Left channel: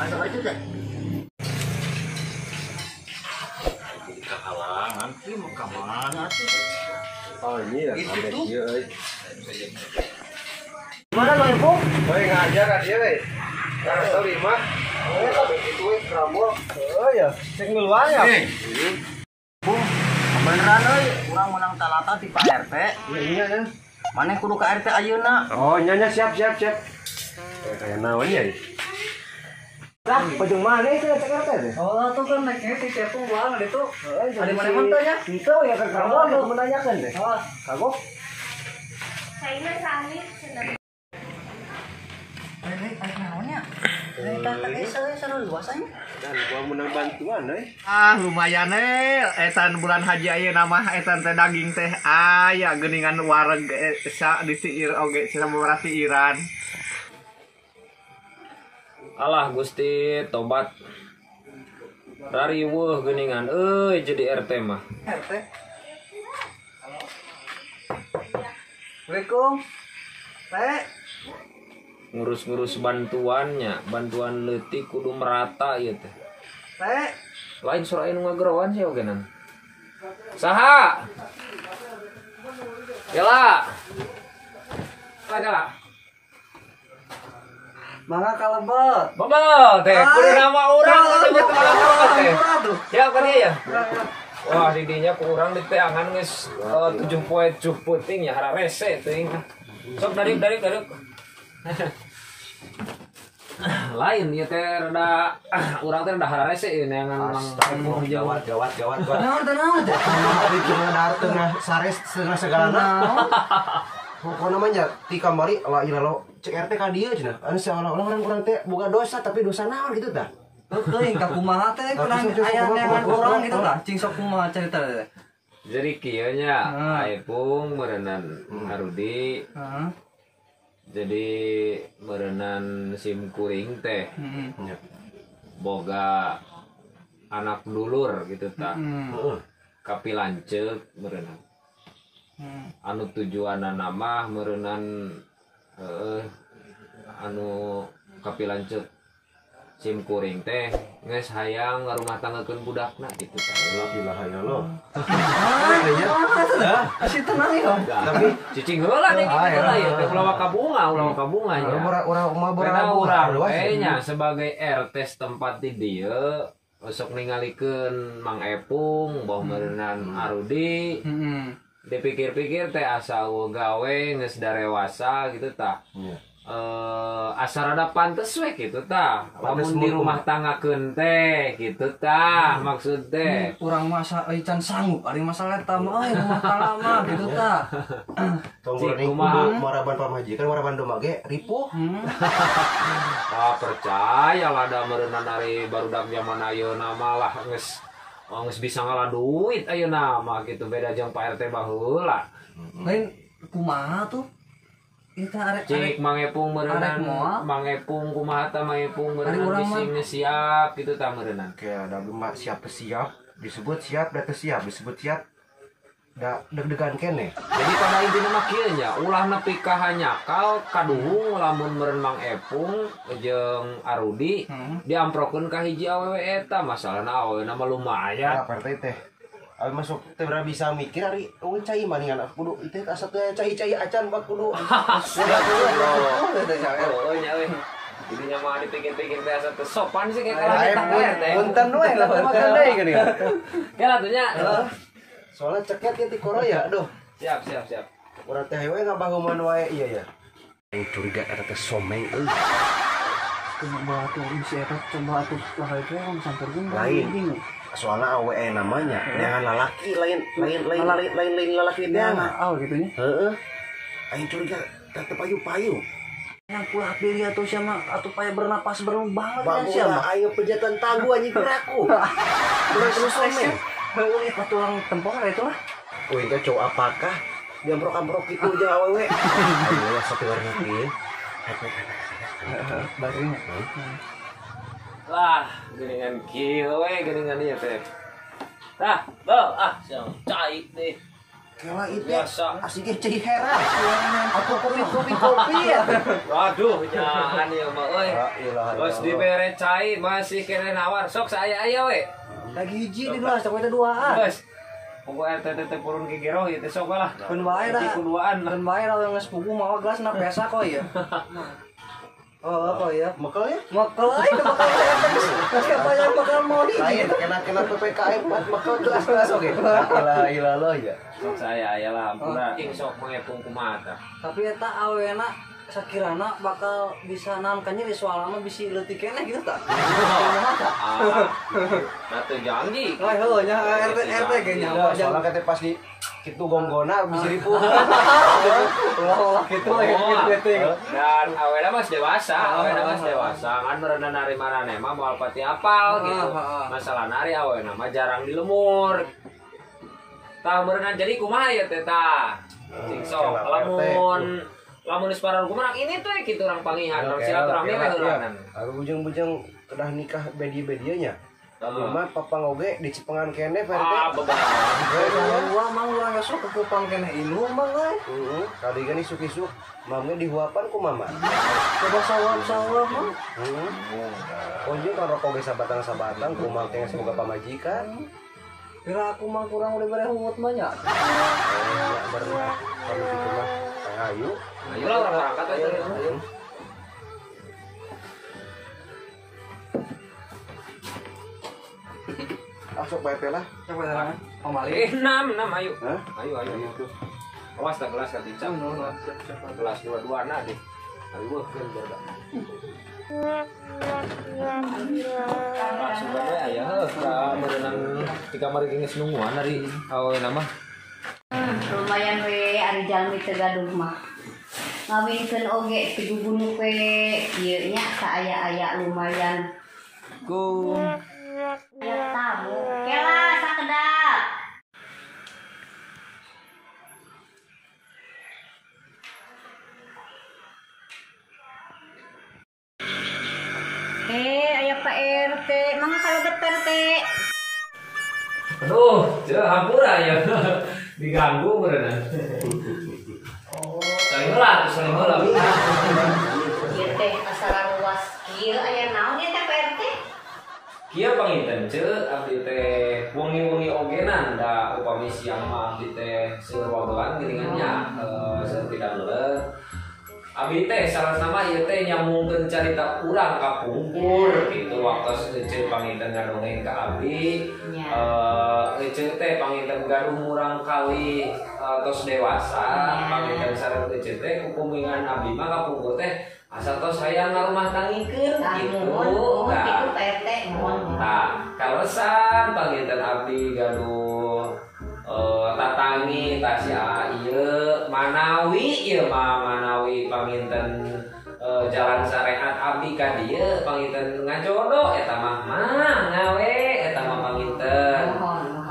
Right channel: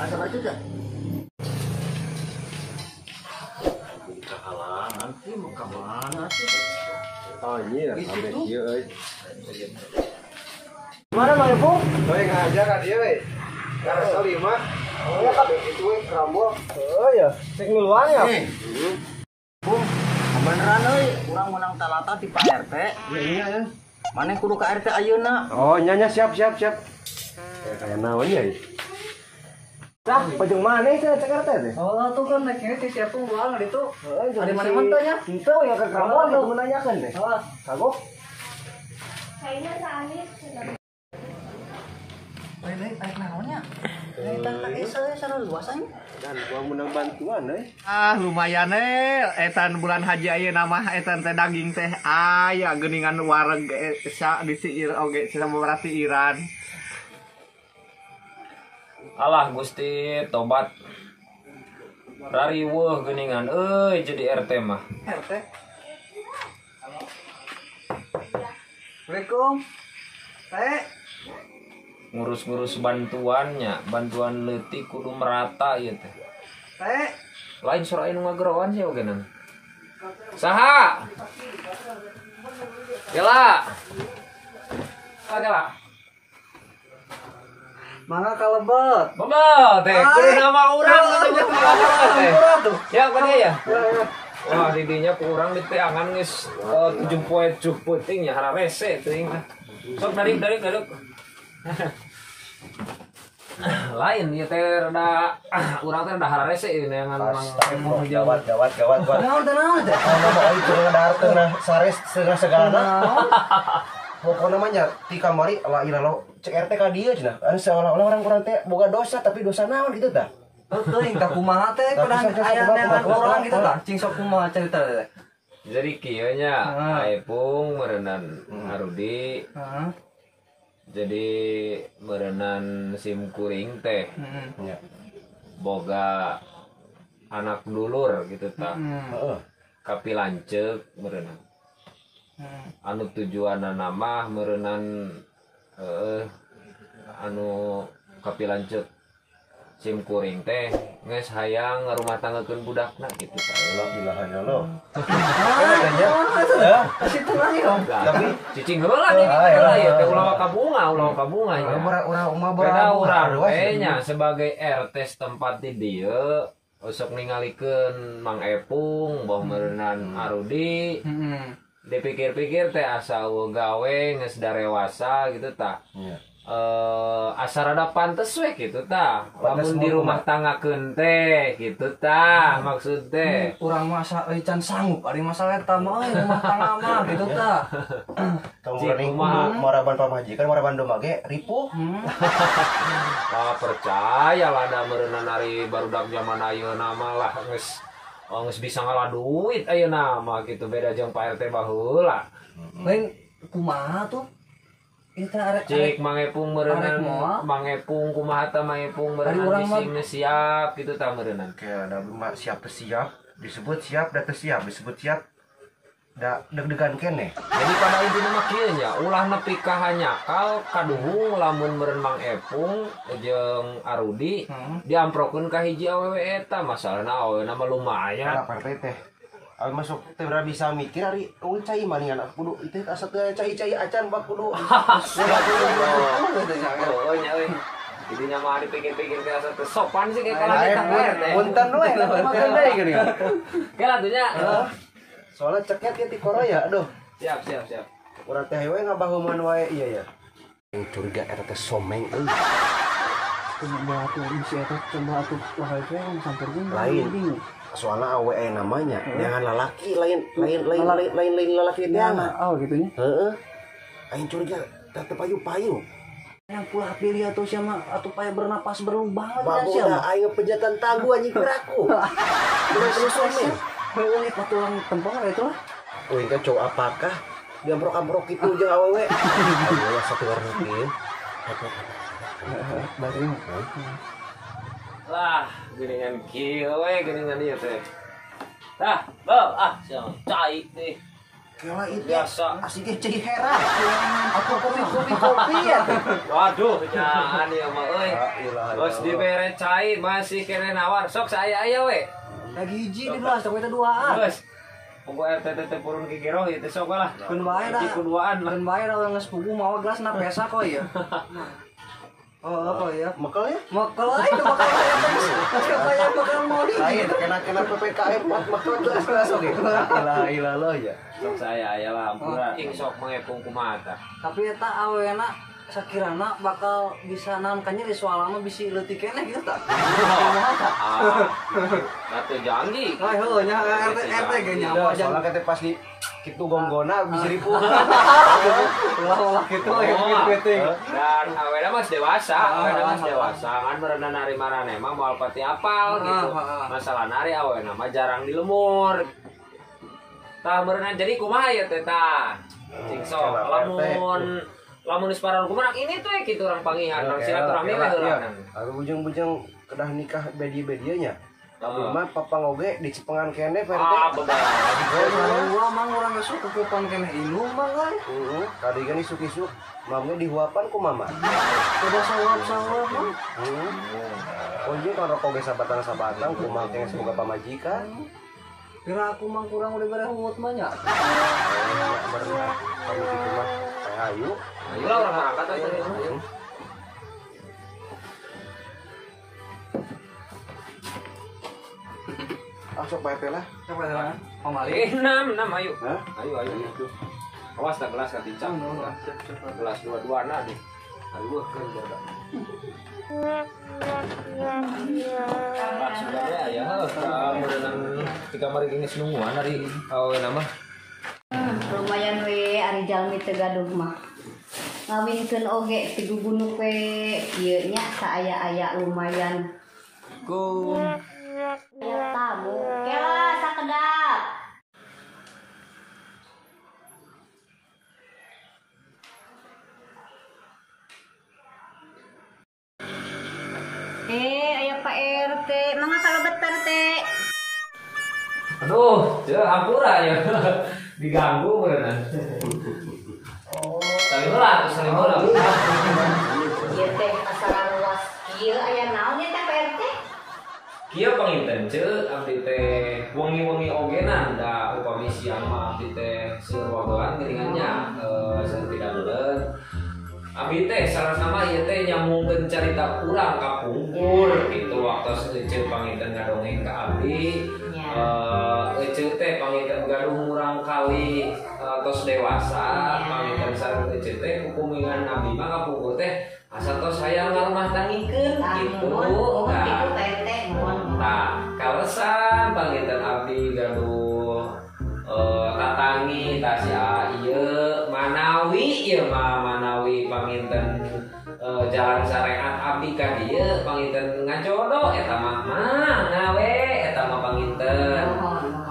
Ada baju teh. Jadi kehalangan sih mau ke mana sih? Oh iya, kaget dia euy. Mana Bang Ipung? Euy ngajak ka dieu we. Ka story mah. Oh ya kabeh itu we Rambol. Oh ya, cek ngeluar ya. Bung, beneran euy, urang menang talata ti Pak RT. Iya ya. Mana kudu ka RT ayeuna? Oh, nya siap. Kayak naon ya? Tah, pajeng mana itu cek RT teh? Oh, tuh kan naiknya ti Cepung ulang ada tuh. Ada mana mantanya? Itu ya ke kamu menanyakan teh. Oh, Kagok. Saina sami cenah. Aik naonnya? Tak euy sarua luasannya. Dan gua menang bantuan euy. Lumayan etan bulan haji ayeuna mah etan teh daging teh aya geuningan wareg sa di siir oge sababaraha siiran. Alah Gusti tobat rariweuh geuningan euy jadi RT mah. RT. Assalamualaikum. Teh. Ngurus-ngurus bantuannya, bantuan leutik kudu merata ieu teh. Teh. Lain surah anu ngagerowan sih oge nan. Saha? Gela. Gela. Mangga kalebet. Babal teh, kudu nama urang atuh kalebet teh. Ya apa dia ya? Wah, di dinya kurang di teangan geus 7 poe cuk peuting nya hararese teuing. Sok dari. Lain ieu teh rada urang teh rada hararese ieu neangan mang Gawat. Naon teh naon teh? Ari jeung ngadarteun sares segalana. Pokona mah nya ti kamari la ilalo cek RT ka dieu cenah. Anu seolah-olah orang teh boga dosa tapi dosa naon gitu tah. Teuing ka kumaha teh kurang aya neangan urang gitu tah. Cing sok kumaha carita teh. Jadi kieu nya Aepung meureunnan Harudi. Heeh. Jadi meureunnan sim kuring teh Nya. boga anak dulur gitu tah. Heeh. Kapilanceuk meureunnan. Anu tujuanna mah meureunnan anu kapilanceuk sim kuring teh geus hayang ngarumah tanggakeun budakna gitu tah. La ilaha illallah. Asitu mah yong. Tapi cicing heula deh gitu lah ya teh ulah kabunga ya. Orang mah Karena urang nya sebagai RT setempat di dieu sok ningalikeun Mang Epung boh meureunnan Arudi. Dipikir-pikir teh asa gawe geus darewasa gitu tah. Asa rada pantes we gitu tah. Lamun di rumah tanggakeun teh gitu tah maksud teh. Urang masa can sanggup ari masalah eta mah rumah tangga mah gitu tah. Tong maraban pamajikan maraban domba ge ripuh. Percaya lah da meureunnan ari barudak zaman ayeuna mah lah geus bisa ngalah duit ayeuna mah gitu beda jeung Pak RT baheula. Lain kumaha tuh? Kita arek Cik Mang Epung meureunnan Mang Epung kumaha tah Mang Epung meureunnan geus siap gitu tah meureunnan. Kayak ada mah siap teu siap, disebut siap da teu siap, disebut siap da deg-degan kene. Jadi pada intinya mah kieu nya ulah nepi ka hanyakal kaduhung lamun meureun Mang Epung jeung Arudi diamprokeun ka hiji awewe eta masalahna aweuna mah lumayan. Apa RT teh? Abi masuk teh berapa bisa mikir ari eueuh cai maningan kudu itu asa teu cai-cai acan bak kudu. Oh nya euy. Didinya mah dipikir-pikir teh asa teu sopan sih kayak kalau kita RT. Punten we makan deui geuning. Kela tuh nya. Soalnya ceket ke ti koroya aduh. Siap. Urang teh we ngabahuman wae iya ya. Yang curiga RT someng euy. Kumaha atuh si eta coba atuh lah itu yang sampeurkeun Lain. Soalnya awe namanya dengan lalaki lain lalaki dia gitu nya. Heeh. Aing curiga tetep payu-payu. Yang pula pilih atau siapa atau payah bernapas berlubang Bagus lah aing pejatan tangguh anjing keraku. Bener terus someng. Heueuh patuang tempong itu lah. Wih teh cowok apakah diamprok-amprok gitu jeung awewe. Ayo satu warna kieu. Baring. Lah, geuningan kieu we geuningan ieu teh. Tah, bal siapa cai teh. Kela itu Biasa. asiknya cai heran. Aku kopi ya. Waduh, jangan ya mah euy. La ilaha Bos illallah. dibere cai masih kene nawar. Sok saya aya we. Lagi hiji di belas, tapi itu duaan. Bos. Pokok RT teh purun ki giroh ieu teh sok lah. Kun bae dah. Hiji kuduaan lah. Kun bae dah yang geus pugu mawa gelas na pesa kok ya. Oh, apa ya? Mekel ya? Mekel itu mekel. Siapa yang mekel mau di? Lain kena PPKM buat mekel gelas oke. La ilaha illallah ya. Sok saya aya lah ampura. Ing sok mangepung kumaha tah. Tapi eta awena sakirana bakal bisa naon ka nyeri soal mah bisi leutik keneh gitu tak. Da teu janji. Ah heuh nya RT ge nya apa jang. Soalnya kata pas di kitu gonggona bisa ribu. Ulah kitu ya gitu. Dan awena mas dewasa, kan berenang nari marane mah moal pati apal gitu. Masalah nari awena mah jarang di lemur. Tah berenang jadi kumaha ya teh tah? Cing sok lamun geus paran kumaha ini tuh kitu urang pangihan silaturahmi we heulanan. Aku bujang-bujang kedah nikah bedi-bedianya. Tapi mah papang oge di Cipengan kene Pak RT. Ah bener. Gua mang urang geus kekupan keneh ilu mang euy. Heeh, tadi kan isuk-isuk mame dihuapan ku mama. Coba sawab mah. Heeh. Kunjung kan rokok ge sabatang-sabatang kumaha teh semoga pamajikan. Kira aku mang kurang udah berehut mah nya. Berenang kami kitu mah ayo. Ayo lah urang berangkat aja. Sok Pak RT lah. Coba serangan. Pamali. Enam ayo. Hah? Ayo. Awas tak gelas ka tincang. Gelas dua-dua na deh. Ayo kan berda. Sebenarnya ya berenang di kamar geus nungguan dari aweuna mah. Lumayan we ari jalmi teu gaduh mah. Ngawinkeun oge ti gugunu we ieu nya saaya-aya lumayan. Ku Ya tamu. Kela sakedap. Aya Pak RT, mangga kalebet Pak RT. aduh, ceu hampura ya. Diganggu berenang. Oh, saling heula. Ieu teh asal luas kieu aya naon ya teh Pak RT? Kieu panginten ceu abdi teh wengi-wengi ogenan da upami siang mah abdi teh seueur wagelan geuningannya seueur pidadoleun. Abdi teh salasna ieu teh nyambungkeun carita urang ka pungkur kitu waktos eceuk panginten ngadongeng ka abdi. Eceuk teh panginten gaduh urang kali tos dewasa panginten sareng eceuk teh kukumingan abdi mah ka pungkur teh asa tos hayang ngarumah tangikeun kitu. Kitu Pak RT. Nah, kalesan panginten abdi gaduh tatangi tasya ieu manawi ieu mah manawi panginten jalan syariat abdi ka dieu panginten ngajodoh eta mah nawe eta mah panginten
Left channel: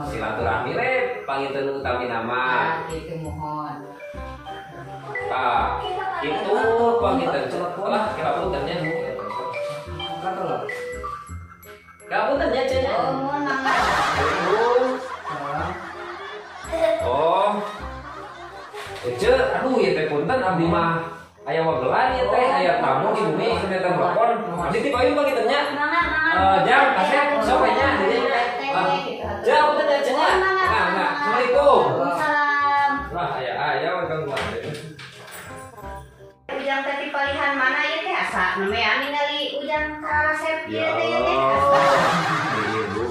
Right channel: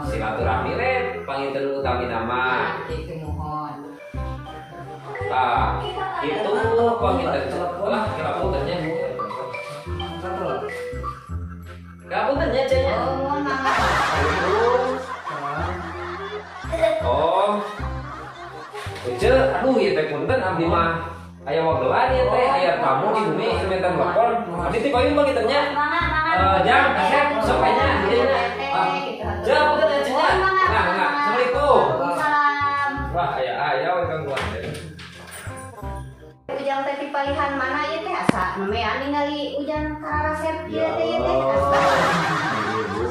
silaturahmi we panginten utami nama. Itu mohon. Tah, kitu panginten lah kira puntennya. Kapuntennya cenah. Oh. Ece, aduh ieu teh punten abdi mah aya wagelan ieu teh aya tamu di bumi semeter telepon. Abdi teh payung bagi tanya. Jam kasih sok nya dieu nya. Jam punten ya cenah. Nah, Assalamualaikum. Wah, aya welcome gua. Ujang teh pilihan mana ieu teh asa namean ningali ujang karasep ieu teh Ibu.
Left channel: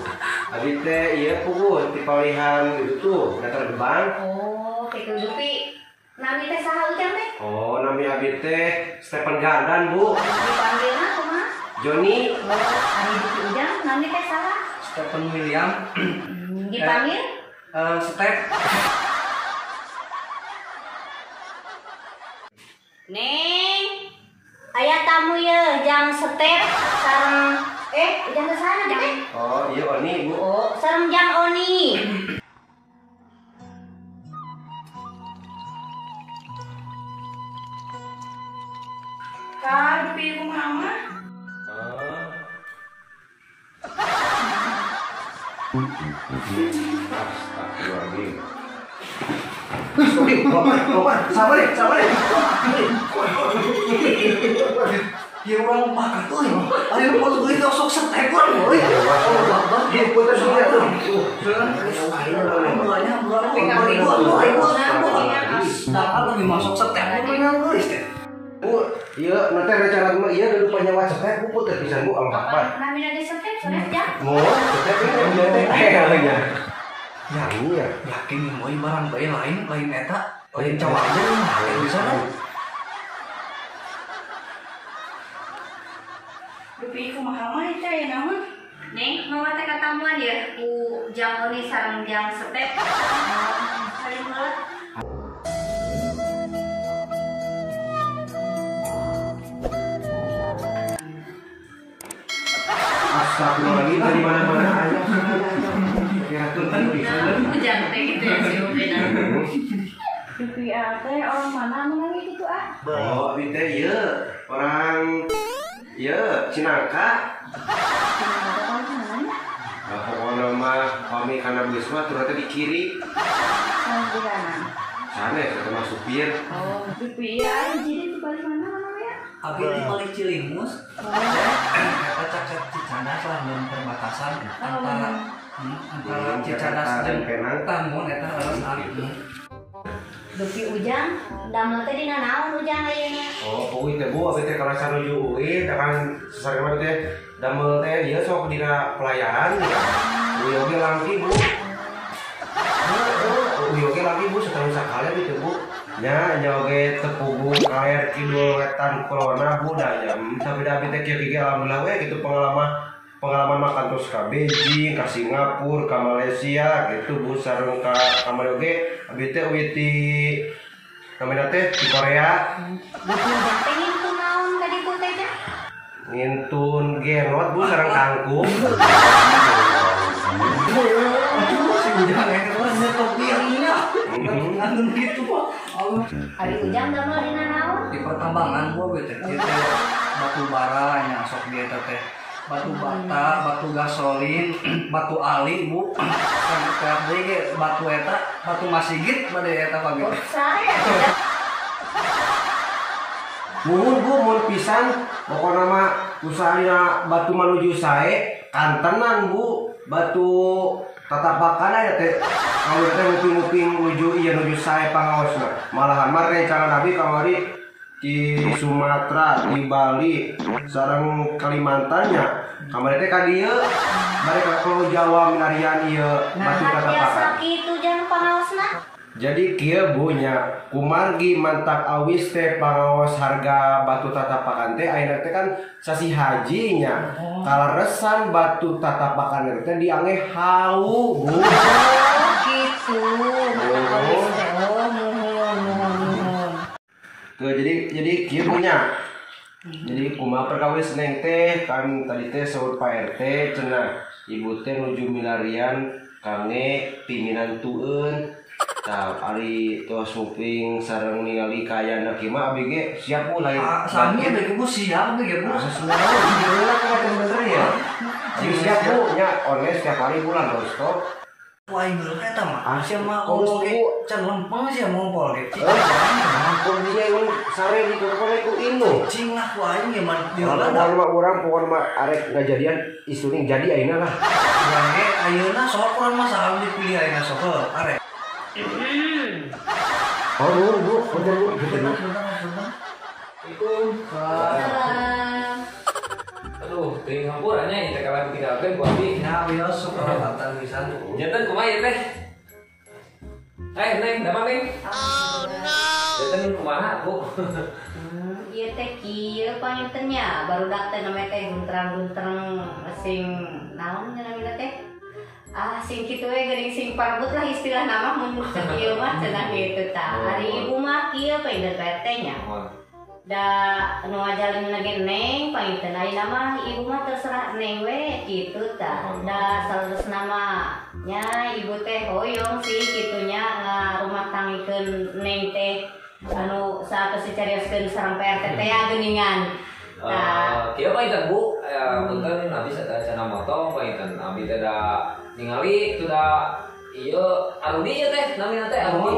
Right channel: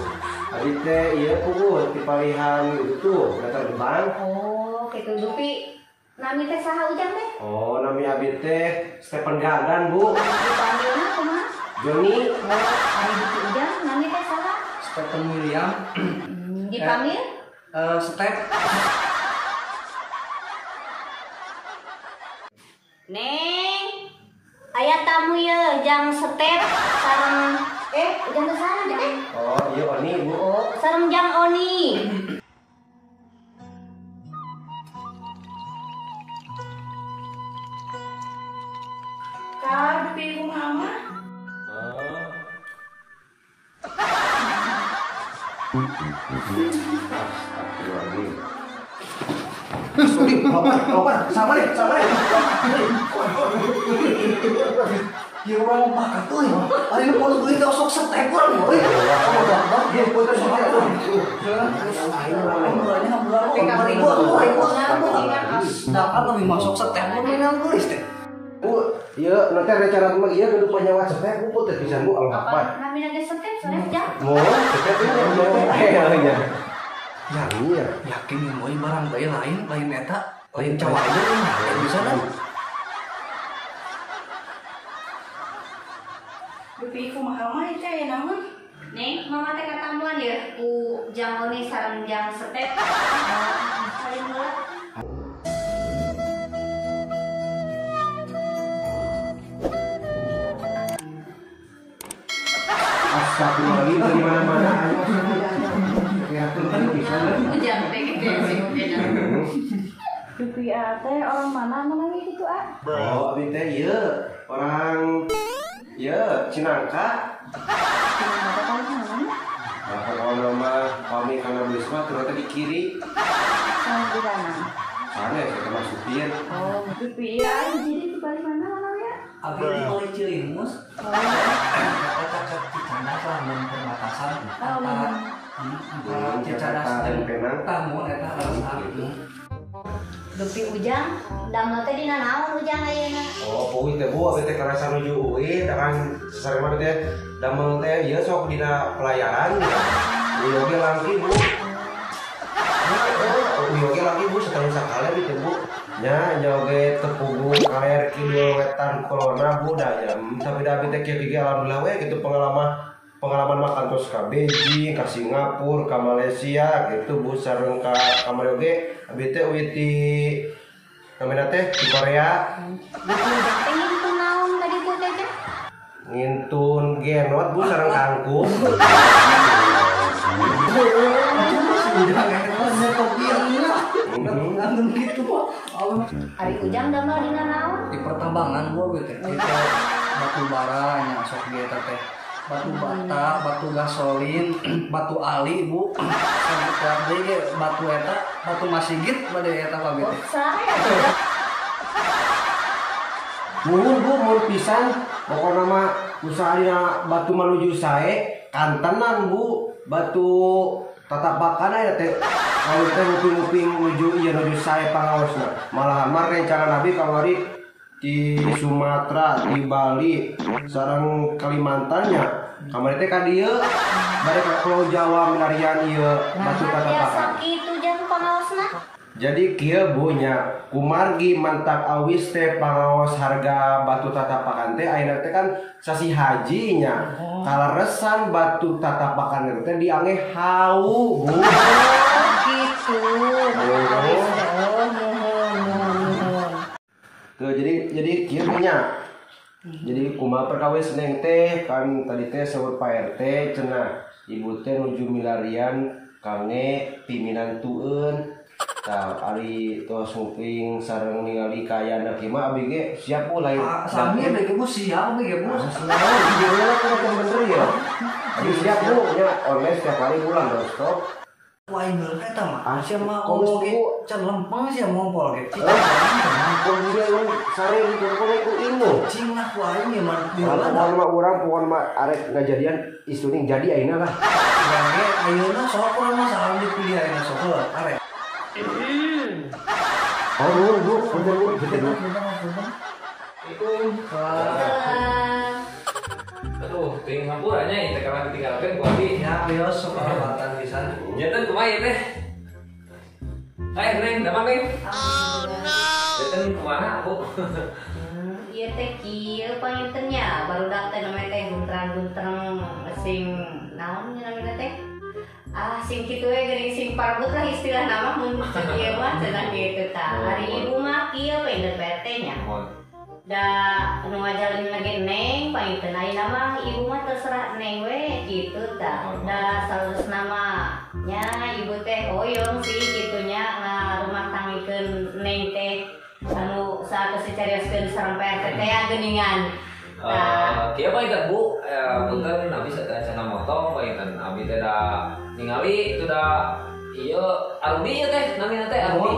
Abdi teh ieu puguh ti palihan itu tuh datar gebang. Oh, kitu dupi. Nami teh saha ujang teh? Oh, nami abdi teh Stephen Gardan, Bu. Dipanggilna kumaha? Joni. Ari dupi ujang nami teh saha? Stephen William. Dipanggil? Step. Neng. Aya tamu ye jang Step sareng ujang teh saha teh? Oh, iya Oni, Bu. Oh, sareng jang Oni. Ka dupi kumaha mah? Astagfirullahaladzim. Lompat, sama deh. Ieu mah makan tuh. Ari nu podo teuing sok setekor euy. Dia putar sama tuh. Dapat lebih masuk setekor yang geus teh. Bu, iya nanti rencana mah iya dulu punya WhatsApp teh bu putar pisan bu Allah Akbar. Kami ada setep sore aja. Mau tetep ini ya. Yang iya. Yakin yang mau barang bae lain eta, lain cawang aja mah bisa kan. Dupi ku mahal mah itu ya namun. Neng, mama teh katambuan ya ku jamur nih sareng jam setep. Saling mulut. Astagfirullahaladzim dari mana-mana ayo. Hujan teh gitu ya si Ubenan. Dupi teh orang mana menangis gitu ah? Oh, abi teh iya orang iya Cinangka. Kenapa tahu mana? Nah, pokoknya mah kami karena bus mah ternyata di kiri. Yang di kanan. Sana ya sama supir. Oh, dupi ya jadi di balik mana ya? Abi di balik Cilimus. Eta cacat Cicadas lah dan perbatasan antara Cicadas dan Penang. Tamun eta alas alih. Dupi ujang, damel teh dina naon ujang ayeuna? Oh, pokoknya teh bu, abi teh karena sanuju uwi, kan sesarema teh damel teh ieu sok dina pelayaran. Ieu ge langki bu. Ieu ge langki bu setahun sakali gitu bu. Nya nyoge tepugu kaler kidul wetan kulona bu da ya. Tapi da abi teh kieu ge alhamdulillah we gitu pengalaman makan terus ke Beijing, ke Singapura, ke Malaysia gitu bu sareng ka kamari oge abi teh uwi ti kamera teh di Korea. Dupi ujang teh ngintun naon tadi ku teh teh? Ngintun genot bu sareng kangkung. Si ujang eta mah nyetok biangnya. Antun gitu mah. Allah. Ari ujang damel dina naon? Di pertambangan gua teh kita batu bara nya sok dia teh. Batu bata, batu gasolin, batu ali bu, sampai ge batu eta, batu masigit pada eta pagi. Sare ya. Nuhun bu mun pisan pokona mah usahana batu manuju sae kantenan bu batu tatapakan ya teh kalau teh nguping-nguping nuju ieu nuju sae pangaosna malahan mah rencana nabi kamari di Sumatera, di Bali, sareng Kalimantannya. Kamari teh ka dieu bari ka Pulau Jawa milarian ieu batu Nah, biasa tatapakan. kitu ujang pangaosna. Jadi kieu bu nya kumargi mantap awis teh pangaos harga batu tatapakan teh ayeuna teh kan sasi haji nya. Kalaresan batu tatapakan teh diangge hau bu. Gitu. Mata awis teh. Oh, muhun. Tuh jadi kieu nya. Jadi kumaha perkawis neng teh kan tadi teh sebut Pak RT cenah ibu teh nuju milarian kange pimpinan tueun. Tah ari tos nguping sareng ningali kayana kieu mah abi ge siap bu lain. Sami bege bu siap bege bu. Sebenarnya judulnya kan bener ya. Abi siap bu nya online setiap hari bulan nonstop. Lain dulu eta mah. Sia mah Komo oge bu. can lempeng sia mompol ge. Ampun dia yang sare di kono ku inu. Cing lah ku aing ge man di Pokona Holanda. mah urang pokona mah arek ngajadian isuning jadi ayeuna lah. Urang ge ayeuna sok urang mah saha dipilih ayeuna sok arek. Oh bu, bener bu, bener bu. Itu aduh ting hampurannya itu kalau ditinggalkan ku abi Ya bios sok hormatan pisan. nyetan kumaha ya teh neng damang neng oh no nyetan kumaha bu Ieu teh kieu pangintennya barudak teh namanya teh bunteran-buntereng sing naon namanya teh sing kitu we geuning sing parabut lah istilah nama mun kieu mah cenah kitu tah. Hari ibu mah kieu pindah PRT nya. Da nu ngajalin lagi neng panginten ayeuna mah ibu mah terserah neng we kitu tah. Da salerusna mah nya ibu teh hoyong sih kitunya ngarumah tangikeun neng teh anu saat secarioskeun sareng PRT teh ya geuningan. kieu apa itu bu punten abi sadaya cenah motong panginten abi teh da ningali itu da Iya, Arudi ya teh, namanya teh Arudi.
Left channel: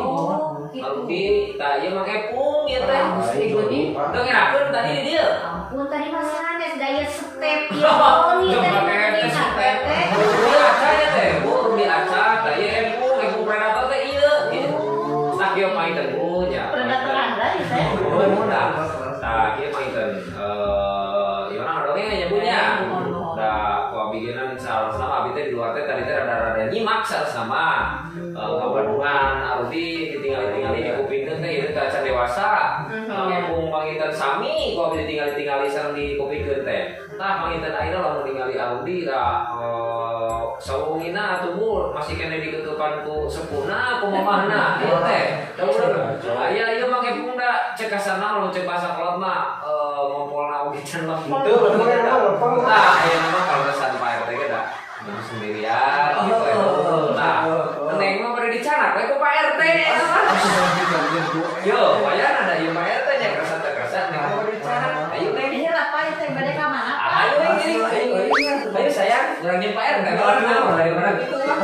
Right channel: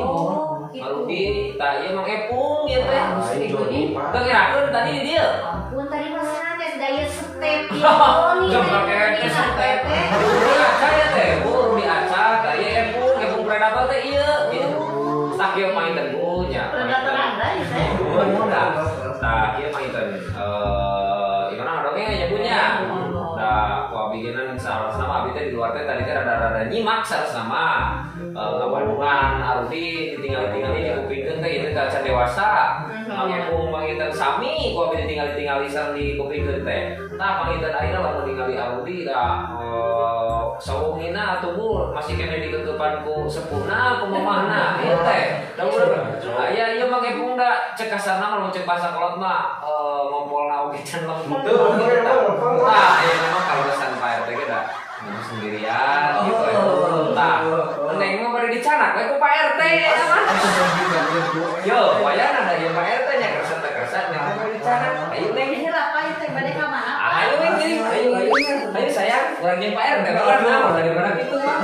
Arudi, tak iya Mang Epung ya teh. Udah ngerakeun tadi di dia. Ampun tadi masanya daya step Coba kayak step. Arudi aca ya teh, Arudi aca, tak iya Epung predator teh iya. Tak iya mainten punya. Predator Anda ya teh. Nah, iya mainten. Gimana dongeng aja punya. Nah, kalau bikinan sama abi teh di luar teh tadi teh rada nyimak sama ngawaduan Arudi ditinggal-tinggali di kupingkeun teh ieu kaca dewasa. Mangepung manginten sami ku abi ditinggal-tingali sareng di kupingkeun teh. Tah manginten ayeuna lamun ningali Arudi da sawungina atuh Bu masih kene ditutupan ku sepuhna ku mamahna ieu teh. Da bener. Aya ieu mangepung da cek kasana lamun cek bahasa kolot mah ngompolna oge can lempeng. Nah, ayeuna mah kalesan Pak RT ge da sendirian gitu. Nah, neng mah pada dicanak we ku Pak RT mah. Yo, wayana ada ieu Pak RT nya kerasa nya mau dicanak. Ayo neng Ini lah Pak teh bade ka mana? ayo neng jadi ayo sayang urang jeung Pak RT kan nama daripada kitu mah.